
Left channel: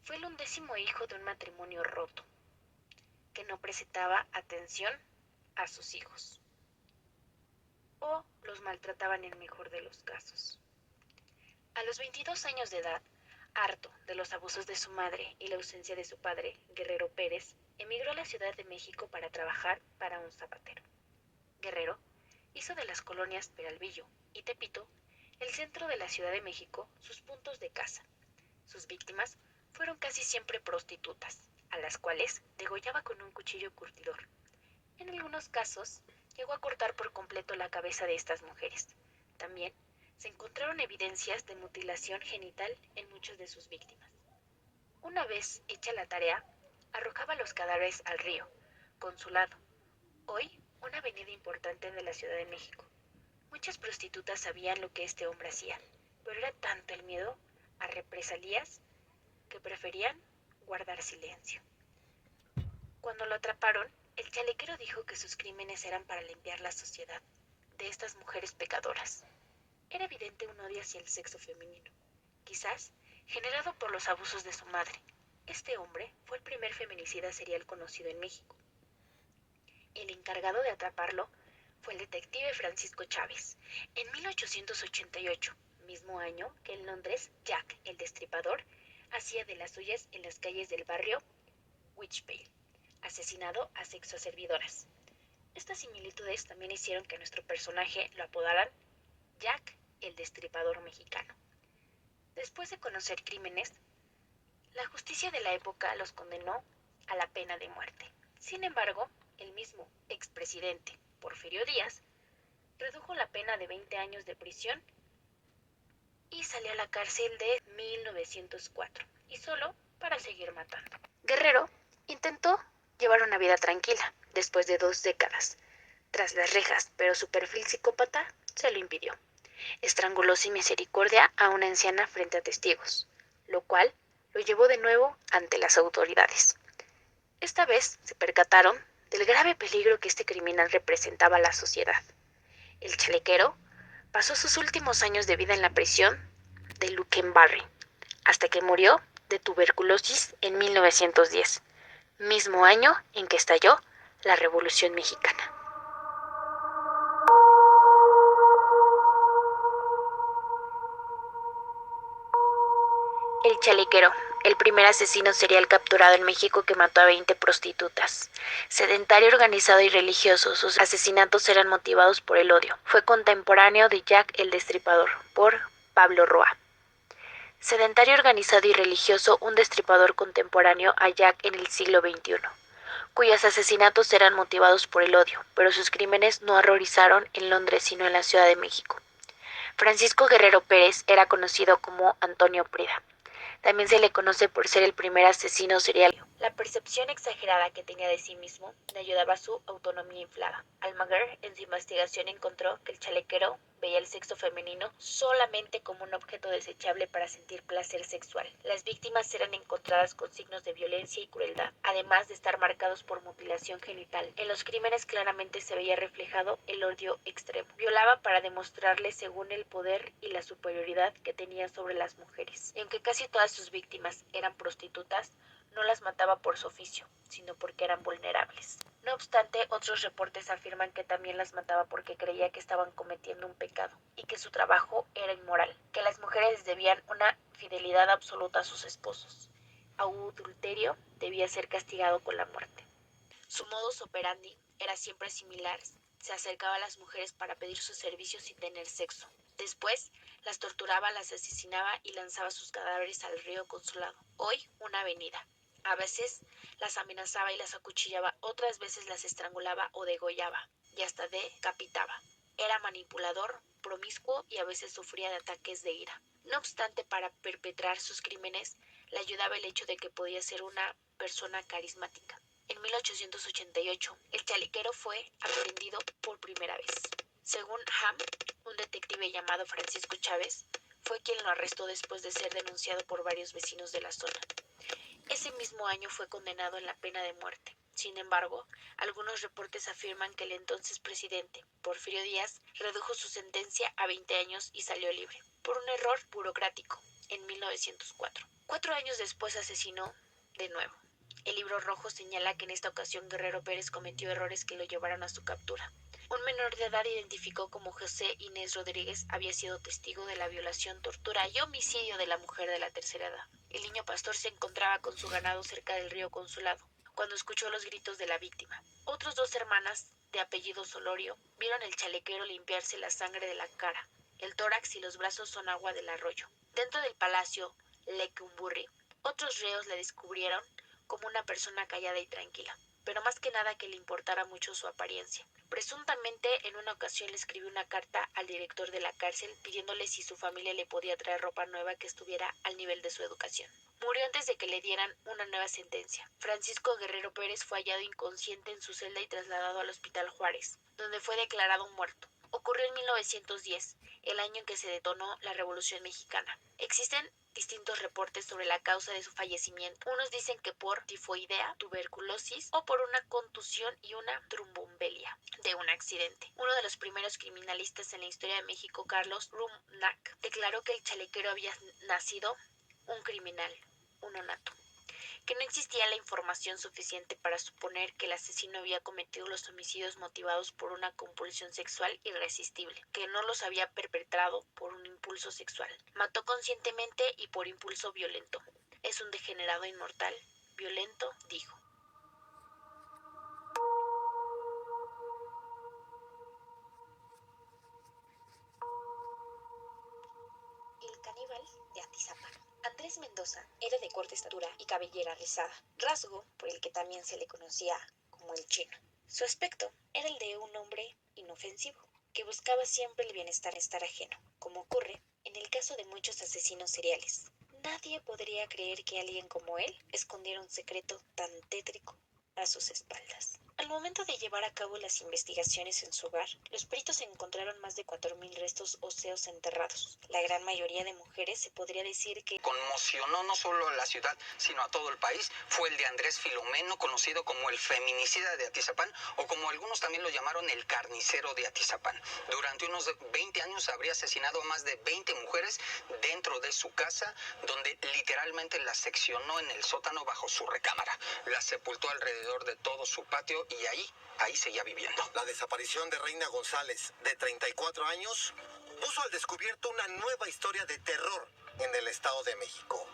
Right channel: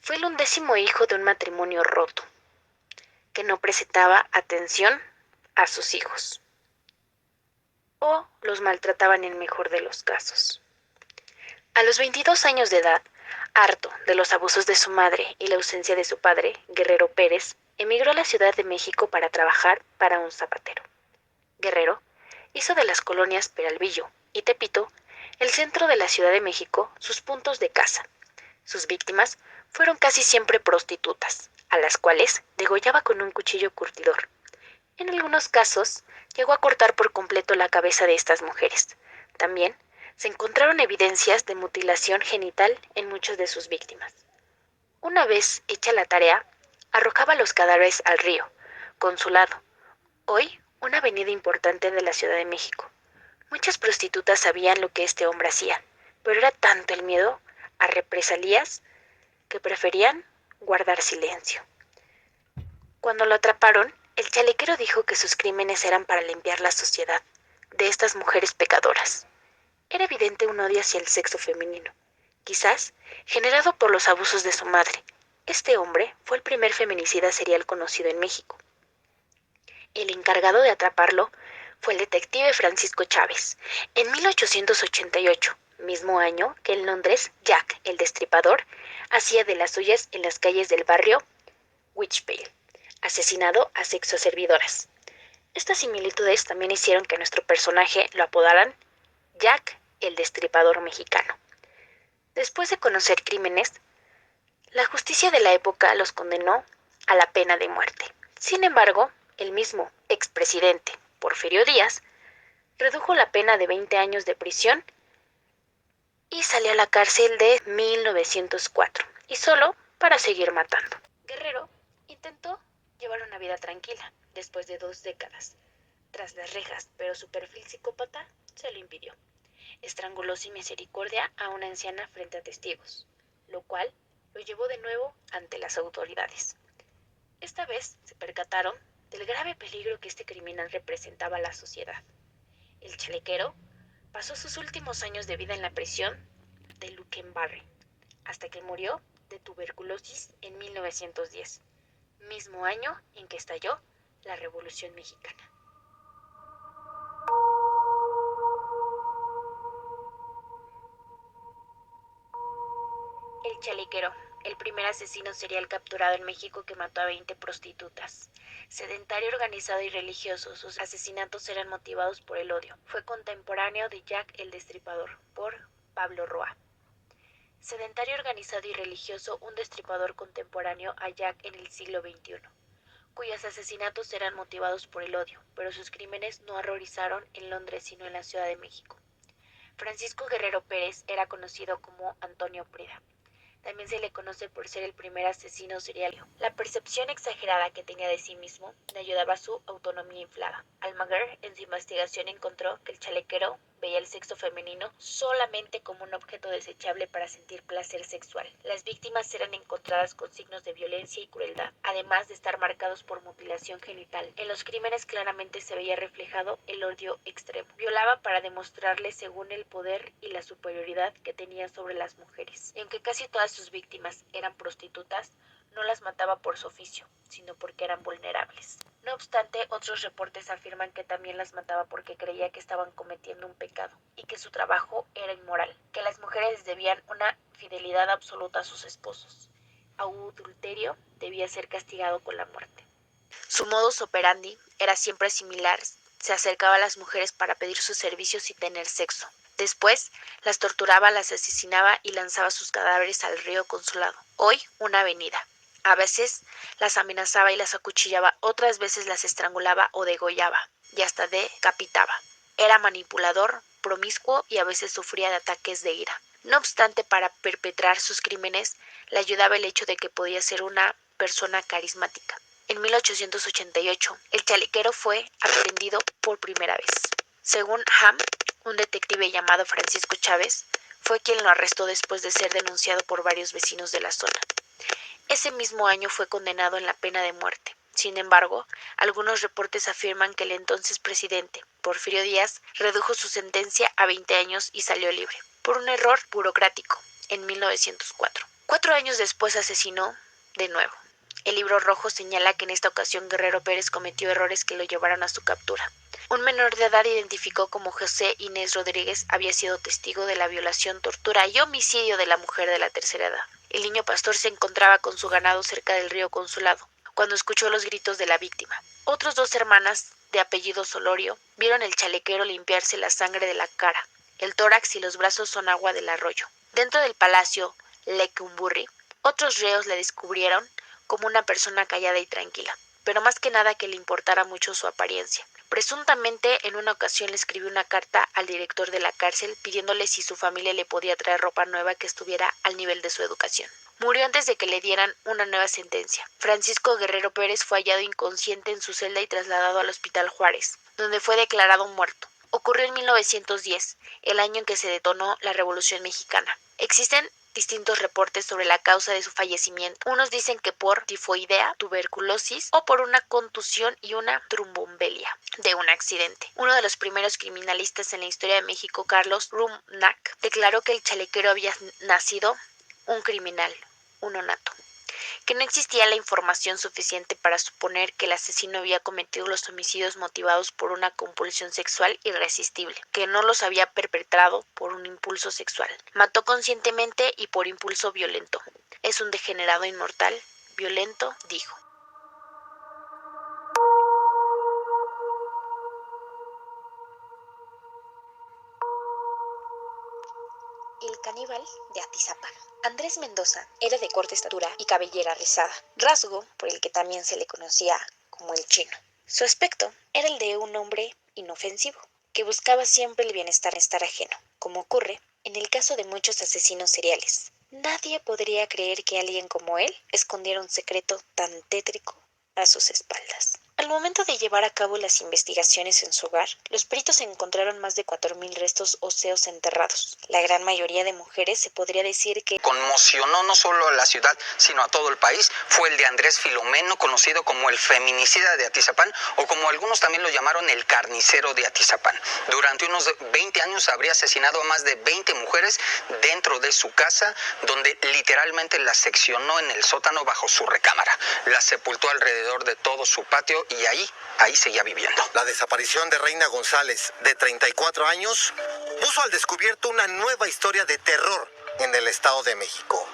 Fue el 11º hijo de un matrimonio roto, que no prestaba atención a sus hijos, o los maltrataban en el mejor de los casos. A los 22 años de edad, harto de los abusos de su madre y la ausencia de su padre, Guerrero Pérez, emigró a la Ciudad de México para trabajar para un zapatero. Guerrero hizo de las colonias Peralvillo y Tepito, el centro de la Ciudad de México, sus puntos de caza. Sus víctimas fueron casi siempre prostitutas, a las cuales degollaba con un cuchillo curtidor. En algunos casos, llegó a cortar por completo la cabeza de estas mujeres. También se encontraron evidencias de mutilación genital en muchas de sus víctimas. Una vez hecha la tarea, arrojaba los cadáveres al río, Consulado, hoy una avenida importante de la Ciudad de México. Muchas prostitutas sabían lo que este hombre hacía, pero era tanto el miedo a represalias que preferían guardar silencio. Cuando lo atraparon, el chalequero dijo que sus crímenes eran para limpiar la sociedad de estas mujeres pecadoras. Era evidente un odio hacia el sexo femenino, quizás generado por los abusos de su madre. Este hombre fue el primer feminicida serial conocido en México. El encargado de atraparlo fue el detective Francisco Chávez. En 1888, mismo año que en Londres, Jack, el Destripador, hacía de las suyas en las calles del barrio Witchpale, asesinado a sexoservidoras. Estas similitudes también hicieron que nuestro personaje lo apodaran Jack el Destripador mexicano. Después de conocer crímenes, la justicia de la época los condenó a la pena de muerte. Sin embargo, el mismo expresidente Porfirio Díaz redujo la pena de 20 años de prisión y salió a la cárcel de 1904, y solo para seguir matando. Guerrero intentó llevar una vida tranquila después de 2 décadas tras las rejas, pero su perfil psicópata se lo impidió. Estranguló sin misericordia a una anciana frente a testigos, lo cual lo llevó de nuevo ante las autoridades. Esta vez se percataron del grave peligro que este criminal representaba a la sociedad. El chalequero pasó sus últimos años de vida en la prisión de Luckenbarre, hasta que murió de tuberculosis en 1910, mismo año en que estalló la Revolución Mexicana. El chalequero, el primer asesino serial capturado en México que mató a 20 prostitutas. Sedentario, organizado y religioso, sus asesinatos eran motivados por el odio. Fue contemporáneo de Jack el Destripador, por Pablo Roa. Sedentario, organizado y religioso, un destripador contemporáneo a Jack en el siglo XXI, cuyos asesinatos eran motivados por el odio, pero sus crímenes no horrorizaron en Londres sino en la Ciudad de México. Francisco Guerrero Pérez era conocido como Antonio Prida. También se le conoce por ser el primer asesino serial. La percepción exagerada que tenía de sí mismo le ayudaba a su autonomía inflada. Almaguer, en su investigación, encontró que el chalequero veía el sexo femenino solamente como un objeto desechable para sentir placer sexual. Las víctimas eran encontradas con signos de violencia y crueldad, además de estar marcados por mutilación genital. En los crímenes claramente se veía reflejado el odio extremo. Violaba para demostrarle según el poder y la superioridad que tenía sobre las mujeres. Y aunque casi todas sus víctimas eran prostitutas, no las mataba por su oficio, sino porque eran vulnerables. No obstante, otros reportes afirman que también las mataba porque creía que estaban cometiendo un pecado y que su trabajo era inmoral, que las mujeres debían una fidelidad absoluta a sus esposos. Adulterio debía ser castigado con la muerte. Su modus operandi era siempre similar. Se acercaba a las mujeres para pedir sus servicios y tener sexo. Después, las torturaba, las asesinaba y lanzaba sus cadáveres al río Consulado, hoy una avenida. A veces las amenazaba y las acuchillaba, otras veces las estrangulaba o degollaba, y hasta decapitaba. Era manipulador, promiscuo y a veces sufría de ataques de ira. No obstante, para perpetrar sus crímenes, le ayudaba el hecho de que podía ser una persona carismática. En 1888, el chalequero fue aprehendido por primera vez. Según Ham, un detective llamado Francisco Chávez fue quien lo arrestó después de ser denunciado por varios vecinos de la zona. Ese mismo año fue condenado en la pena de muerte. Sin embargo, algunos reportes afirman que el entonces presidente, Porfirio Díaz, redujo su sentencia a 20 años y salió libre, por un error burocrático, en 1904. 4 años después asesinó de nuevo. El libro rojo señala que en esta ocasión Guerrero Pérez cometió errores que lo llevaron a su captura. Un menor de edad identificado como José Inés Rodríguez había sido testigo de la violación, tortura y homicidio de la mujer de la tercera edad. El niño pastor se encontraba con su ganado cerca del río Consulado, cuando escuchó los gritos de la víctima. Otros 2 hermanas, de apellido Solorio, vieron el chalequero limpiarse la sangre de la cara. El tórax y los brazos son agua del arroyo. Dentro del palacio Lecumberri, otros reos le descubrieron como una persona callada y tranquila, pero más que nada que le importara mucho su apariencia. Presuntamente, en una ocasión le escribió una carta al director de la cárcel pidiéndole si su familia le podía traer ropa nueva que estuviera al nivel de su educación. Murió antes de que le dieran una nueva sentencia. Francisco Guerrero Pérez fue hallado inconsciente en su celda y trasladado al Hospital Juárez, donde fue declarado muerto. Ocurrió en 1910, el año en que se detonó la Revolución Mexicana. Existen distintos reportes sobre la causa de su fallecimiento. Unos dicen que por tifoidea, tuberculosis o por una contusión y una trombombelia de un accidente. Uno de los primeros criminalistas en la historia de México, Carlos Rumnack, declaró que el chalequero había nacido un criminal, un nonato, que no existía la información suficiente para suponer que el asesino había cometido los homicidios motivados por una compulsión sexual irresistible, que no los había perpetrado por un impulso sexual. Mató conscientemente y por impulso violento. Es un degenerado inmortal, violento, dijo. El caníbal de Atizapán. Andrés Mendoza era de corta estatura y cabellera rizada, rasgo por el que también se le conocía como el chino. Su aspecto era el de un hombre inofensivo, que buscaba siempre el bienestar ajeno, como ocurre en el caso de muchos asesinos seriales. Nadie podría creer que alguien como él escondiera un secreto tan tétrico a sus espaldas. Al momento de llevar a cabo las investigaciones en su hogar, los peritos encontraron más de 4,000 restos óseos enterrados. La gran mayoría de mujeres se podría decir que conmocionó no solo a la ciudad, sino a todo el país, fue el de Andrés Filomeno, conocido como el feminicida de Atizapán, o como algunos también lo llamaron, el carnicero de Atizapán. Durante unos 20 años habría asesinado a más de 20 mujeres dentro de su casa, donde literalmente las seccionó en el sótano bajo su recámara. Las sepultó alrededor de todo su patio y ahí seguía viviendo. La desaparición de Reina González, de 34 años, puso al descubierto una nueva historia de terror en el Estado de México.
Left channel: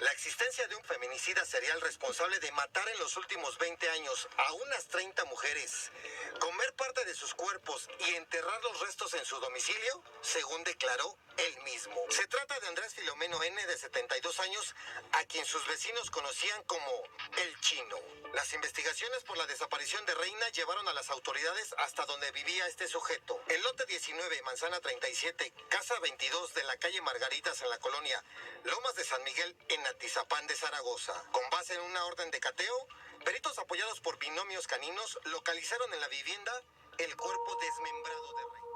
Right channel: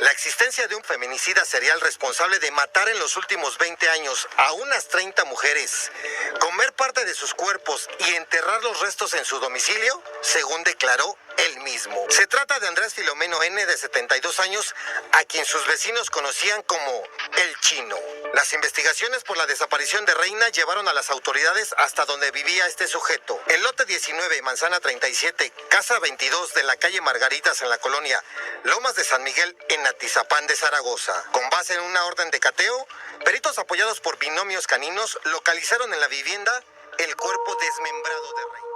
La existencia de un feminicida serial responsable de matar en los últimos 20 años a unas 30 mujeres, comer parte de sus cuerpos y enterrar los restos en su domicilio, según declaró él mismo. Se trata de Andrés Filomeno N., de 72 años, a quien sus vecinos conocían como el Chino. Las investigaciones por la desaparición de Reina llevaron a las autoridades hasta donde vivía este sujeto. El lote 19, manzana 37, casa 22 de la calle Margaritas, en la colonia Lomas de San Miguel, en Atizapán de Zaragoza. Con base en una orden de cateo, peritos apoyados por binomios caninos localizaron en la vivienda el cuerpo desmembrado de Reina.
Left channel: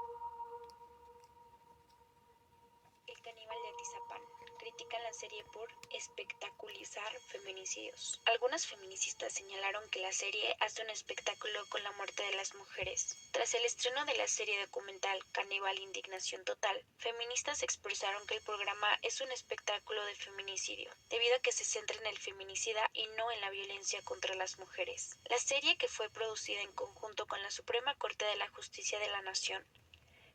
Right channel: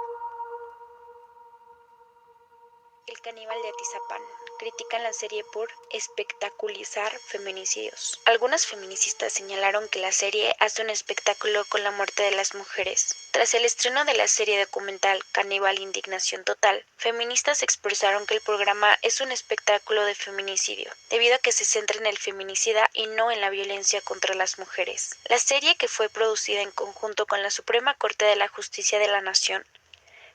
El caníbal de Atizapán. Critican la serie por espectaculizar feminicidios. Algunas feministas señalaron que la serie hace un espectáculo con la muerte de las mujeres. Tras el estreno de la serie documental Caníbal Indignación Total, feministas expresaron que el programa es un espectáculo de feminicidio, debido a que se centra en el feminicida y no en la violencia contra las mujeres. La serie, que fue producida en conjunto con la Suprema Corte de la Justicia de la Nación,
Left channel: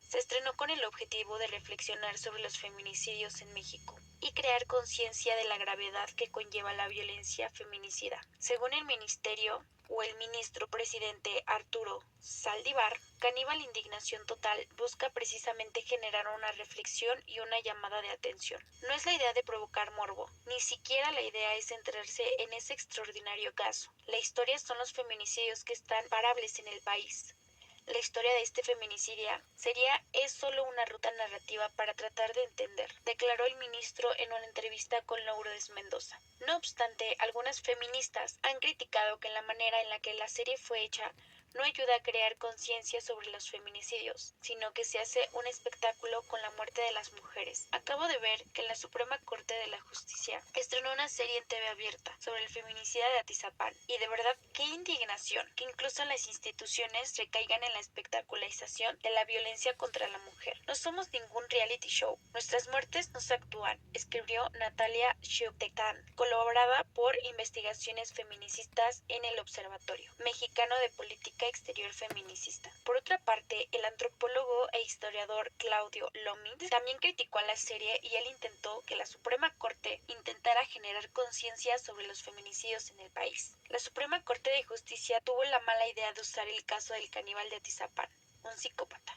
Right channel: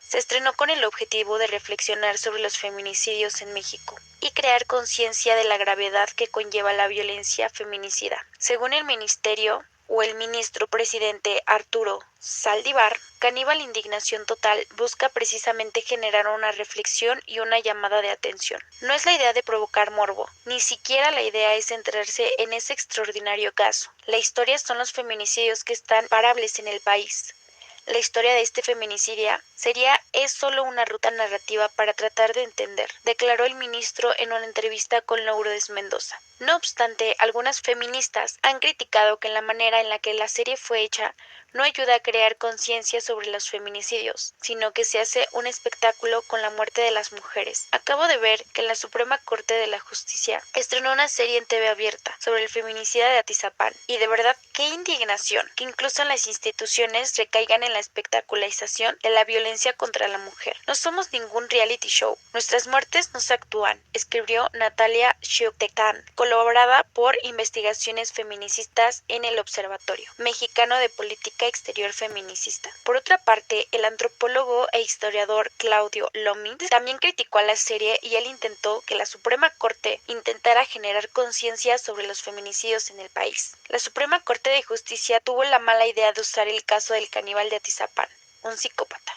se estrenó con el objetivo de reflexionar sobre los feminicidios en México y crear conciencia de la gravedad que conlleva la violencia feminicida. Según el ministerio o el ministro presidente Arturo Saldívar, Caníbal Indignación Total busca precisamente generar una reflexión y una llamada de atención. No es la idea de provocar morbo, ni siquiera la idea es centrarse en ese extraordinario caso. La historia son los feminicidios que están parables en el país. La historia de este feminicidio es solo una ruta narrativa para tratar de entender, declaró el ministro en una entrevista con Lourdes Mendoza. No obstante, algunas feministas han criticado que la manera en la que la serie fue hecha no ayuda a crear conciencia sobre los feminicidios, sino que se hace un espectáculo con la muerte de las mujeres. Acabo de ver que la Suprema Corte de la Justicia estrenó una serie en TV abierta sobre el feminicida de Atizapán, y de verdad qué indignación que incluso en las instituciones recaigan en la espectacularización de la violencia contra la mujer. No somos ningún reality show, nuestras muertes nos actúan, escribió Natalia Xioctecán, colaborada por Investigaciones Feminicistas en el Observatorio Mexicano de Política Exterior Feminicista. Por otra parte, el antropólogo e historiador Claudio Lomitz también criticó a la serie, y él intentó que la Suprema Corte intentara generar conciencia sobre los feminicidios en el país. La Suprema Corte de Justicia tuvo la mala idea de usar el caso del caníbal de Atizapán, un psicópata,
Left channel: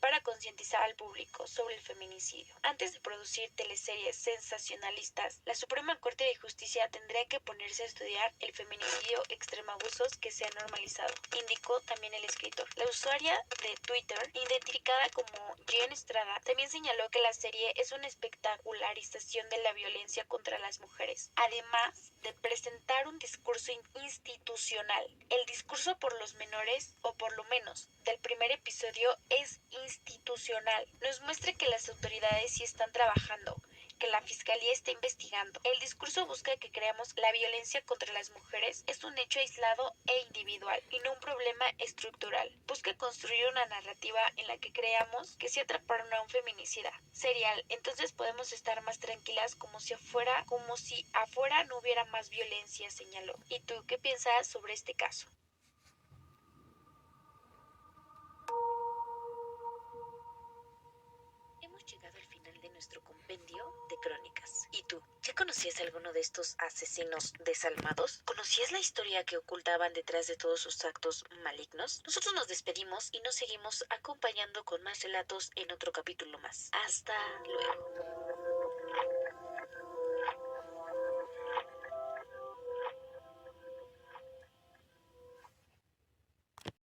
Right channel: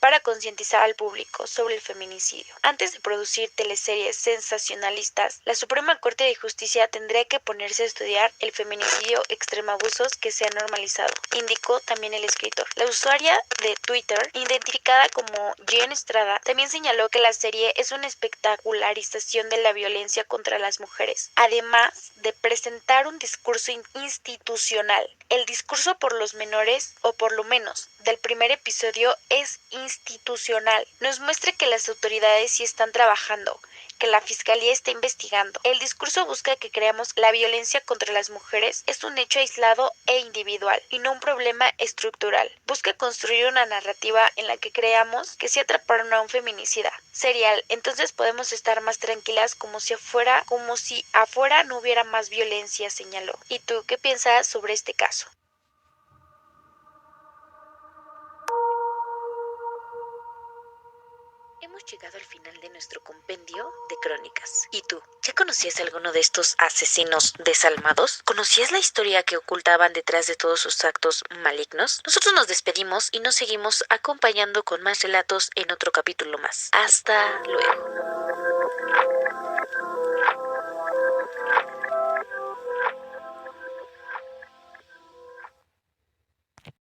para concientizar al público sobre el feminicidio. Antes de producir teleseries sensacionalistas, la Suprema Corte de Justicia tendría que ponerse a estudiar el feminicidio extremabusos que se ha normalizado, indicó también el escritor. La usuaria de Twitter, identificada como Jen Estrada, también señaló que la serie es una espectacularización de la violencia contra las mujeres, además de presentar un discurso institucional. El discurso por los menores, o por lo menos del primer episodio, es institucional. Nos muestra que las autoridades sí están trabajando, que la fiscalía está investigando. El discurso busca que creamos que la violencia contra las mujeres es un hecho aislado e individual y no un problema estructural. Busca construir una narrativa en la que creamos que si atraparon a un feminicida serial, entonces podemos estar más tranquilas, como si afuera no hubiera más violencia, señaló. ¿Y tú qué piensas sobre este caso? Hemos llegado al final de nuestro compendio de crónicas. ¿Y tú? ¿Ya conocías a alguno de estos asesinos desalmados? ¿Conocías la historia que ocultaban detrás de todos sus actos malignos? Nosotros nos despedimos y nos seguimos acompañando con más relatos en otro capítulo más. Hasta luego.